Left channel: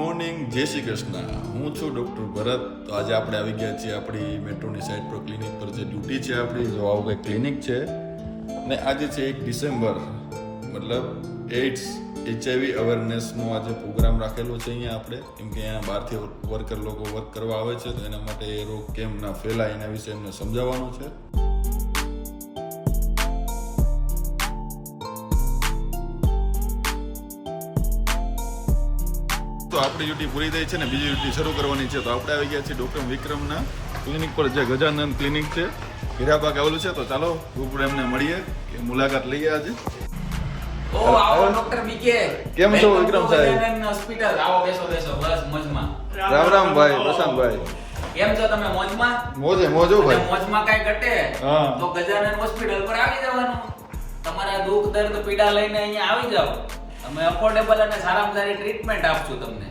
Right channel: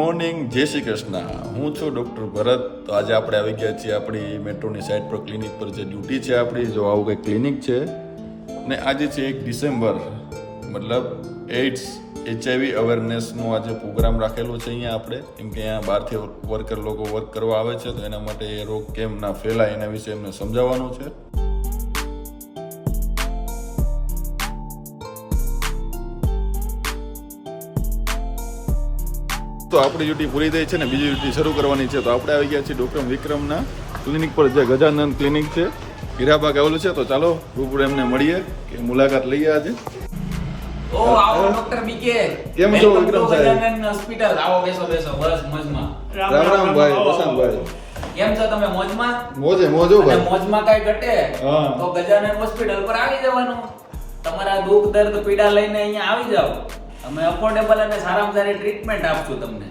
Morning, જય શ્રી કૃષ્ણ. હું છું ડૉક્ટર ભરત. તો આજે આપણે આવી ગયા છીએ આપણી મેટ્રોની સાઇટ પર, ક્લિનિક પર જે ડ્યુટી છે આપણી. જો આવું કંઈક ક્લિનિક છે ને આજે છે 1 ડિસેમ્બર, મતલબ એઇડ્સ HIV અવેરનેસનો આજે પ્રોગ્રામ રાખેલો છે અહીંયા આપણે, કેમ કે અહીંયા બહારથી વર્કર લોકો વર્ક કરવા આવે છે, તો એના માટે એ રોગ કેમ ના ફેલાય એના વિશે એમને સમજાવવાનું છે. તો આપણી ડ્યુટી પૂરી થઈ છે ને બીજી ડ્યુટી શરૂ કરવાની છે. તો આપણે આવી ગયા છીએ ડૉક્ટર વિક્રમના ક્લિનિક પર, જે ગજાનંદ ક્લિનિક છે, હીરાબાગ આવેલું છે. તો ચાલો રૂબરૂ એમને મળીએ, કે મુલાકાત લઈએ આજે. કેમ છો વિક્રમ સાહેબ? હોસ્પિટલ આવો, બેસો બેસો, બસ મોજમાં. રામ રામ ભાઈ, પ્રશાંતભાઈ. કેમ છો તમે? મોજમાં? મોજે મોજો ભાઈ. મોજમાં કઈ ઘટે હા. તો ગજાનન હોસ્પિટલ પર આવી જવાનું. તમારા દુઃખ દર્દ પીડા લઈને અહીંયા આવી જાવ. અમે અફોર્ડેબલ અને સારામાં સારી ટ્રીટમેન્ટ આપશું તમને.